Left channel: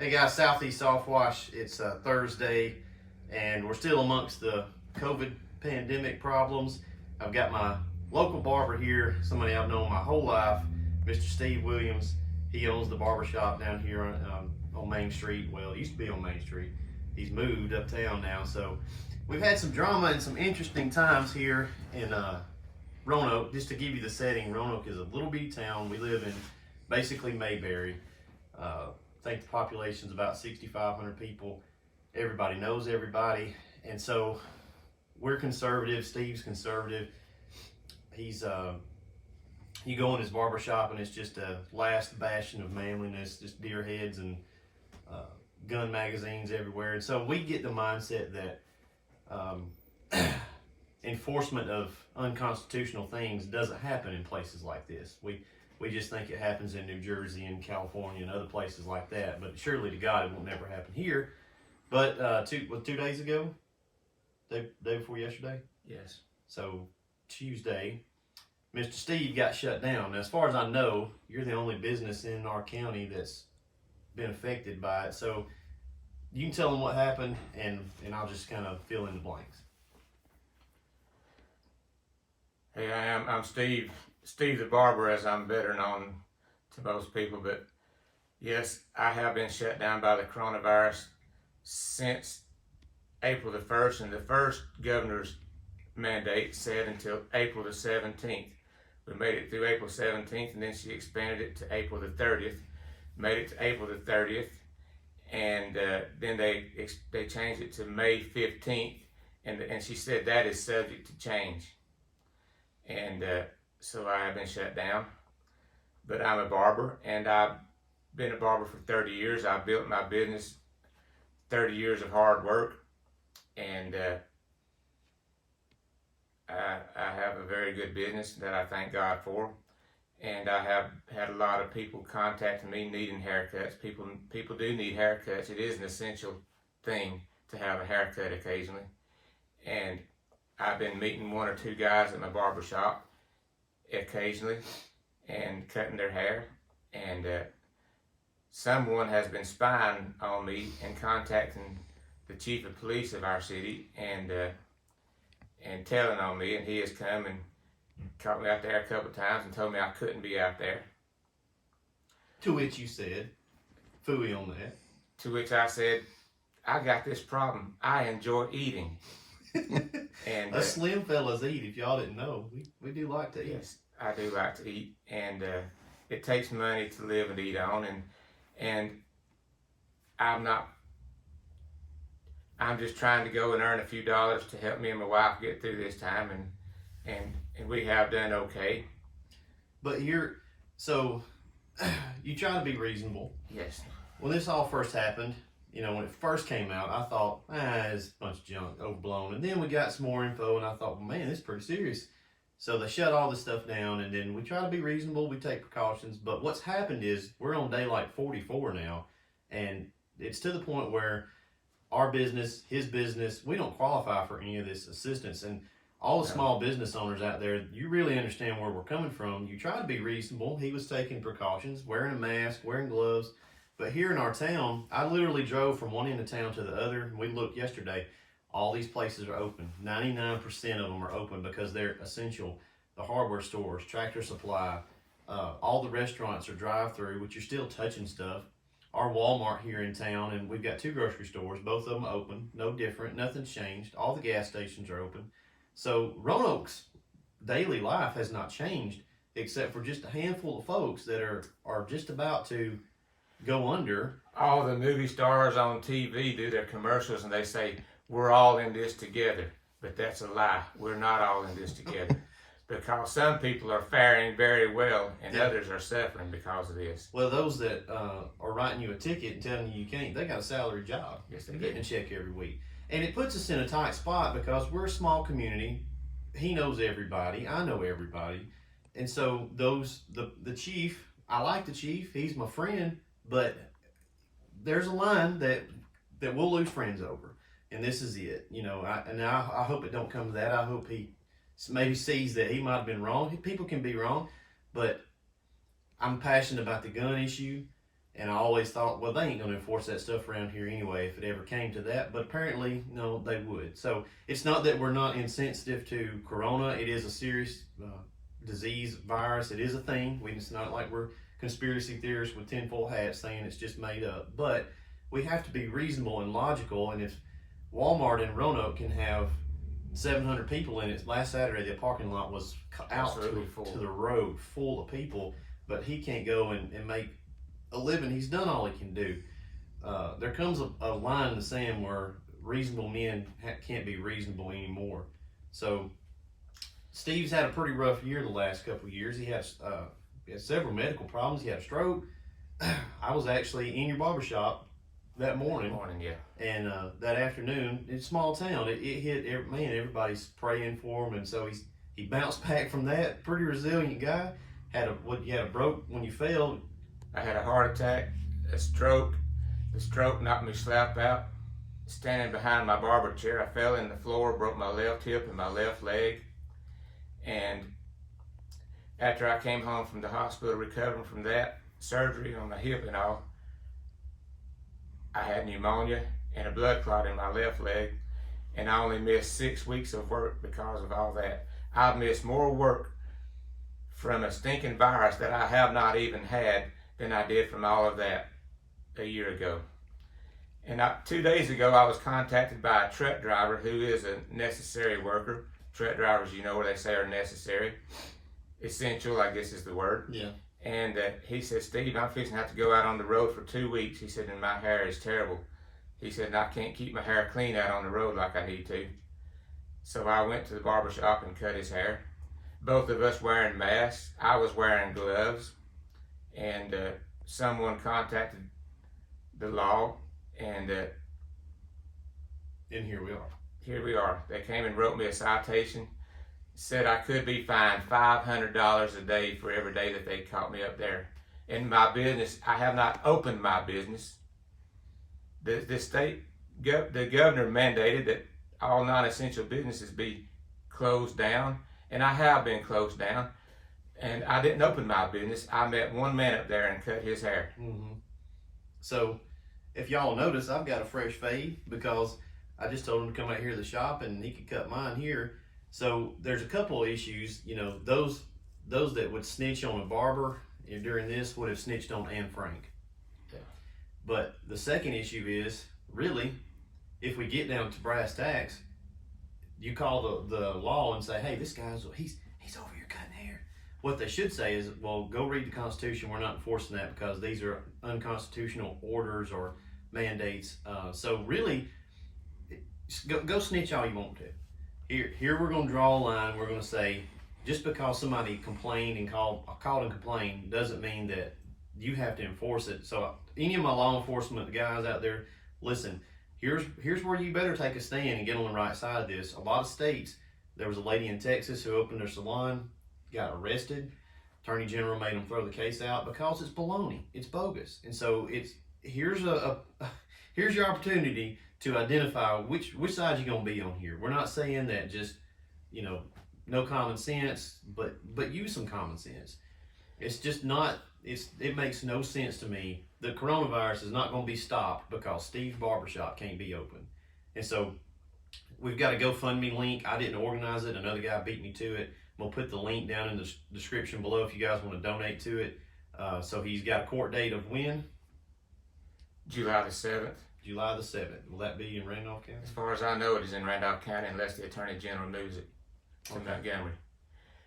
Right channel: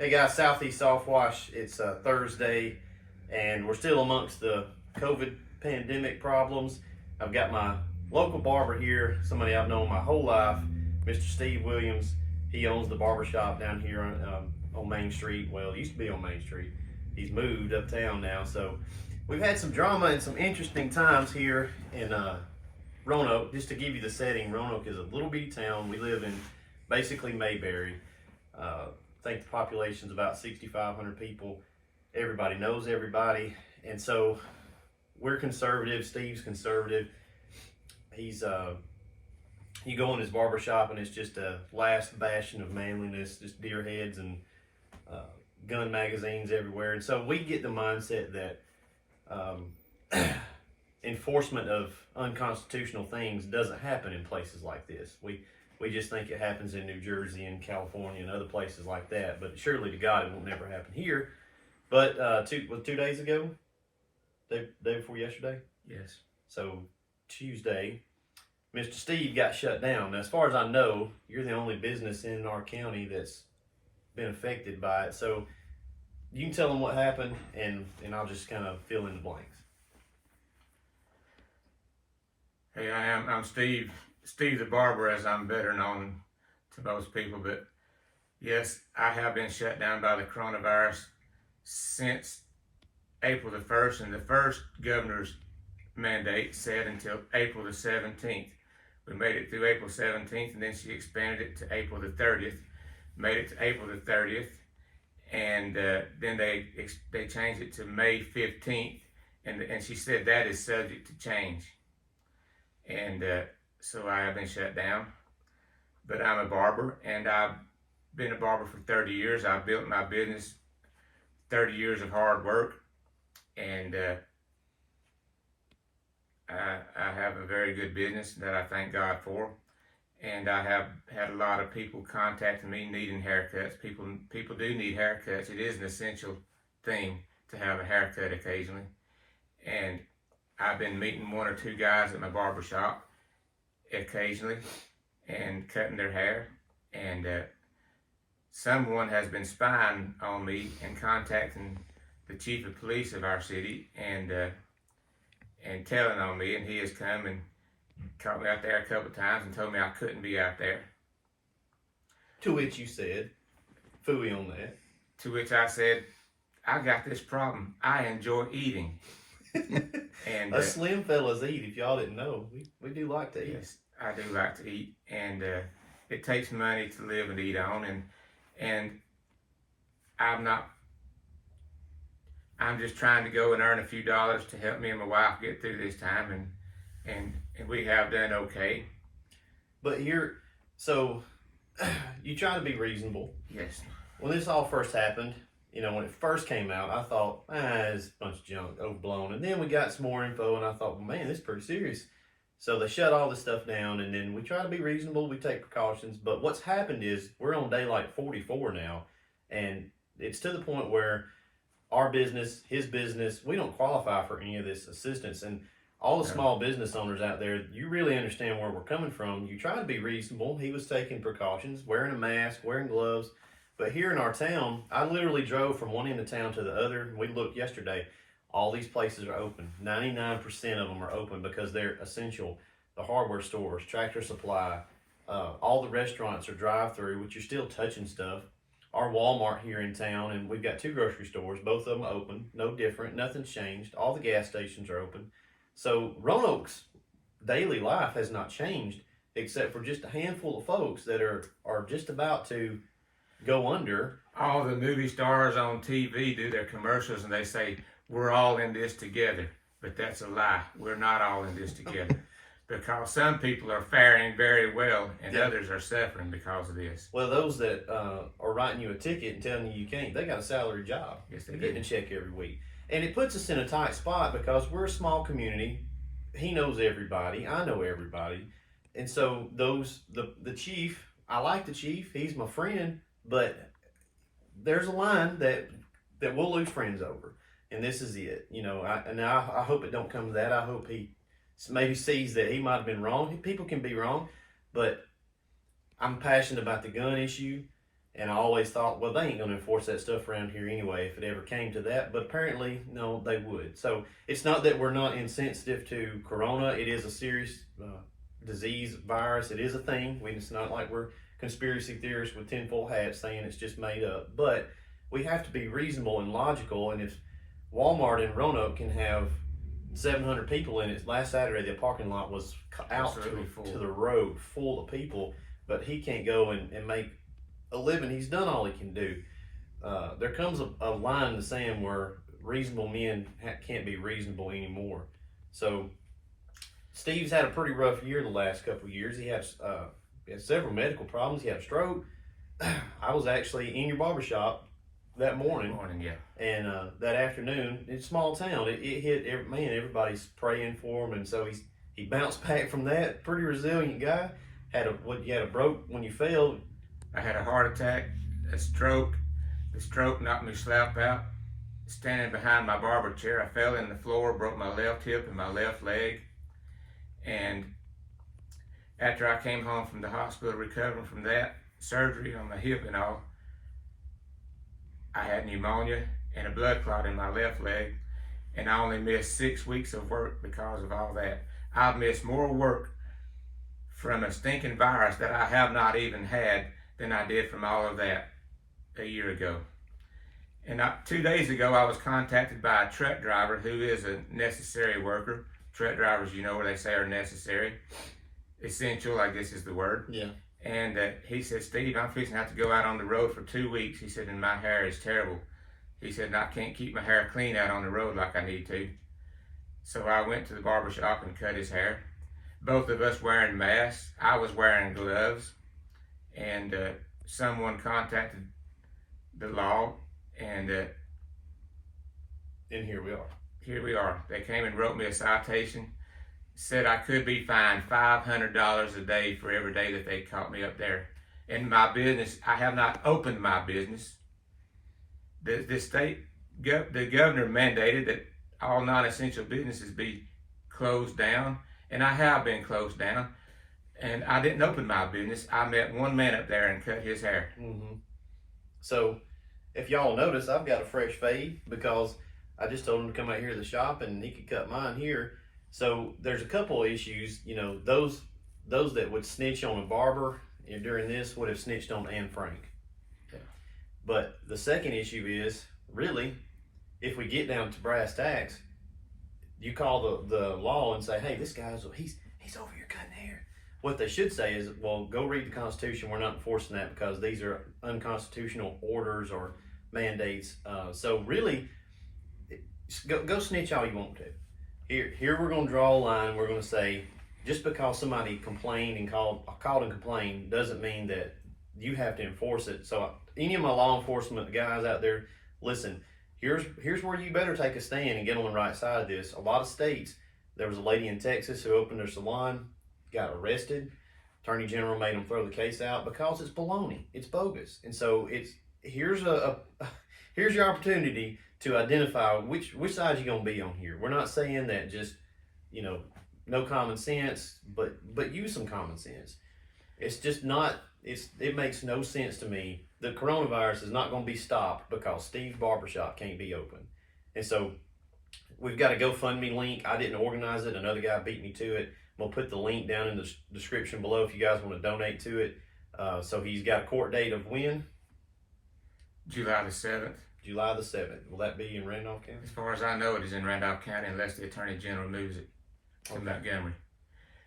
Hey guys, Southeast Softwash. It's Thursday, and we're still amongst the COVID pandemic problems. I've got my local barber here, somebody I've known my whole life, Mr. Steve Williams. He owns the barber shop down here on Main Street. Well, it used to be on Main Street. He's moved uptown now, so we've had some drama and some interesting times here in Roanoke. Just to give you the setting, Roanoke is a little bitty town. We live in basically Mayberry. I think the population's about 6,500 people. Everybody knows everybody, and so we're conservative. Steve's conservative. He's you go in his barber shop and it's just a last bastion of manliness, just deer heads and gun magazines everywhere. And so we get the mindset that enforcement of unconstitutional things doesn't happen in places like this. We just think it happens in New Jersey and California and other places like that. But surely to God, it will never happen here. But 2 days ago, day before yesterday? Yes. So Tuesday, Mr. Steve got shut down. Now, as far as I know, you're the only business in our county that's been affected by it. So you can tell them what happened, and I'll just kind of fill in the blanks. Hey, I'm Steve. Steve the barber, as I'm better known to most people, but yes, I have been shut down by the coronavirus since April the 1st, and the first governor's mandate said until April the 17th. We made it through April 17th, and then she expanded it to April the 30th, made it to April the 30th, and then they changed it to May 15th, and she said that is subject to change. And so I have been shut down, but I'm a barber, and I've been a barber for 30 years. I've built my business, 30 years of hard work, and I have a very good business that I thank God for. And I have had a lot of people contacting me needing haircuts. People do need haircuts. It is an essential thing to have a haircut occasionally. And I've been meeting 1 or 2 guys at my barber shop occasionally and cutting their hair, and someone has been spying on me and contacting the chief of police of our city and telling on me, and he has come and caught me out there a couple of times and told me I couldn't be out there. To which you said, phooey on that. To which I said, I got this problem. I enjoy eating. And us slim fellas eat, if y'all didn't know. We do like to eat. Yes, I do like to eat, and it takes money to live and eat on, and I'm just trying to go and earn a few dollars to help me and my wife get through this time, and we have done okay. But you try to be reasonable. Yes. When this all first happened, when it first came out, I thought, it's a bunch of junk, overblown. And then we got some more info, and I thought, well, man, this is pretty serious. So they shut all this stuff down, and then we try to be reasonable. We take precautions. But what's happened is we're on day like 44 now, and it's to the point where our business, his business, we don't qualify for any of this assistance. And all the small business owners out there, you really understand where we're coming from. You try to be reasonable. He was taking precautions, wearing a mask, wearing gloves. But here in our town, I literally drove from one end of town to the other. And we looked yesterday. All these places are open. 99% of them are open because they're essential. The hardware stores, Tractor Supply, all the restaurants are drive-through, which you're still touching stuff. Our Walmart here in town, and we've got 2 grocery stores, both of them open, no different, nothing's changed. All the gas stations are open. So Roanoke's daily life has not changed, except for just a handful of folks that are just about to go under. All the movie stars on TV do their commercials and they say, we're all in this together. But that's a lie. We're not all in this together. Because some people are faring very well and others are suffering because of this. Well, those that are writing you a ticket and telling you can't, they got a salary job. Yes, they're getting a check every week. And it puts us in a tight spot because we're a small community. He knows everybody. I know everybody. And so the chief, I like the chief. He's my friend. But there's a line that we'll lose friends over, and this is it. I hope it don't come to that. I hope he maybe sees that he might have been wrong. People can be wrong, but I'm passionate about the gun issue, And I always thought, well, they ain't going to enforce that stuff around here anyway if it ever came to that. But apparently, no, they would. So it's not that we're not insensitive to corona. It is a serious disease, virus. It is a thing. It's not like we're conspiracy theorists with tinfoil hats saying it's just made up. But we have to be reasonable and logical. And if Walmart in Roanoke can have 700 people in it, last Saturday the parking lot was out to the road full of people, but he can't go and make a living. He's done all he can do. There comes a line in the sand where reasonable men can't be reasonable anymore. So Steve's had a pretty rough year the last couple of years. He has several medical problems. He had a stroke. I was actually in your barbershop that morning. Yeah. And that afternoon, it's a small town. It hit everybody's praying for him, and so he bounced back from that. Pretty resilient guy. You had a broke when you fell. I had a heart attack, a stroke. The stroke knocked me slap out. Standing behind my barber chair, I fell in the floor, broke my left hip and my left leg. And after I came home from the hospital recovering from that surgery on my hip and all, I had pneumonia and a blood clot in my left leg, and I only missed 6 weeks of work because of all that. I've missed more work from a stinking virus that I have not even had than I did from all of that a year ago. And 2 days ago, I was contacted by a truck driver who is a necessary worker. Truck drivers, you know, where they say are necessary. Essential, I guess is the word. Yeah. And he said, Steve, I'm fixing to have to go out on the road for 2 weeks. He said, and my hair is terrible. He said, and I can't keep my hair clean out on the road like I need to. So I went to the barber shop and cut his hair. Both of us wearing masks. I was wearing gloves. And someone contacted the law, and here we are. Here we are. They came and wrote me a citation, said I could be fined $500 a day for every day that they caught me up there. In my business, I have not opened my business. The governor mandated that all non-essential businesses be closed down, and I have been closed down. And I didn't open my business. I met one man up there and cut his hair. Mm-hmm. So, if y'all notice, I've got a fresh fade because I just told him to come out here to the shop and he could cut mine here. So there's a couple of issues. You know, those that would snitch on a barber during this would have snitched on Anne Frank. Yeah. But the second issue is, really, if we get down to brass tacks, you call the law and say, hey, this guy's he's over here cutting hair. What they should say is, well, go read the Constitution. We're not enforcing that because these are unconstitutional orders or mandates. So really, go snitch all you want to. Here we're going to draw a line. We're going to say, just because somebody complained and called and complained doesn't mean that you have to enforce it. So any of my law enforcement guys out there, listen, here's where you better take a stand and get on the right side of this. A lot of states, there was a lady in Texas who opened their salon, got arrested. Attorney General made them throw the case out because it's baloney. It's bogus. And so here's your opportunity to identify which side you're going to be on here. We're not saying that just, no common sense, but use some common sense. It's just not, it makes no sense to me. The coronavirus is not going to be stopped because Steve's barbershop can't be open. And so we've got a GoFundMe link. I didn't organize it. Another guy beat me to it. We'll put the link down in the description below if you guys want to donate to it. So he's got a court date of when? July the 7th. July the 7th. Will that be in Randolph County? As far as I know, it is in Randolph County unless the Attorney General moves it to Montgomery.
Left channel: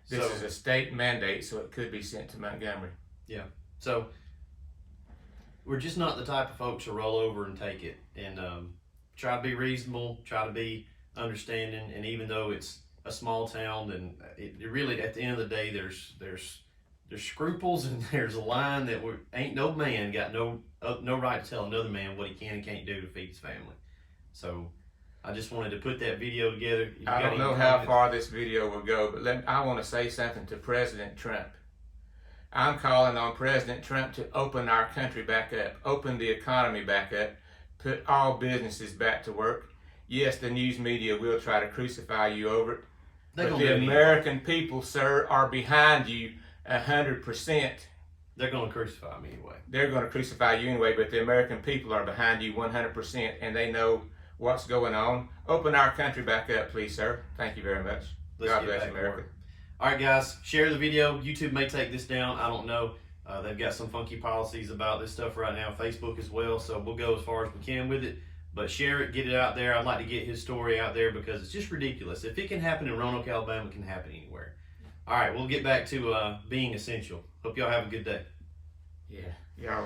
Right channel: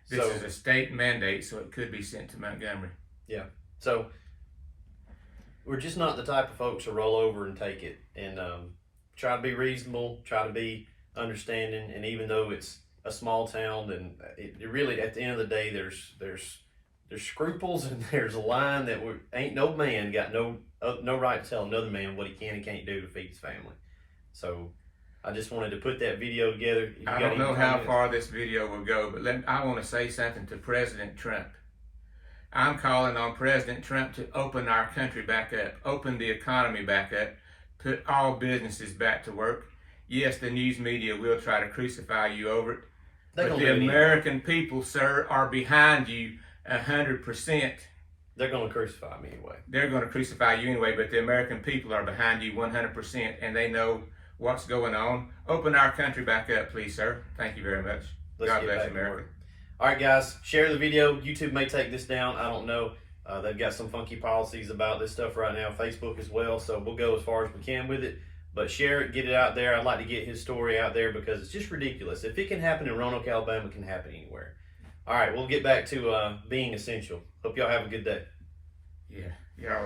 This is a state mandate, so it could be sent to Montgomery. Yeah. So we're just not the type of folks to roll over and take it. And try to be reasonable, try to be understanding. And even though it's a small town, and it really, at the end of the day, there's scruples, and there's a line that ain't no man got no right to tell another man what he can and can't do to feed his family. So I just wanted to put that video together. I don't know how far this video will go, but I want to say something to President Trump. I'm calling on President Trump to open our country back up, open the economy back up, put all businesses back to work. Yes, the news media will try to crucify you over it, but the American people, sir, are behind you 100%. They're going to crucify me anyway. They're going to crucify you anyway, but the American people are behind you 100%, and they know what's going on. Open our country back up, please, sir. Thank you very much. Let's God get bless back to America. work. All right, guys, share the video. YouTube may take this down. I don't know. They've got some funky policies about this stuff right now. Facebook as well. So we'll go as far as we can with it. But share it, get it out there. I'd like to get his story out there because it's just ridiculous. If it can happen in Roanoke, Alabama, it can happen anywhere. All right, we'll get back to being essential. Hope y'all have a good day. Yeah, y'all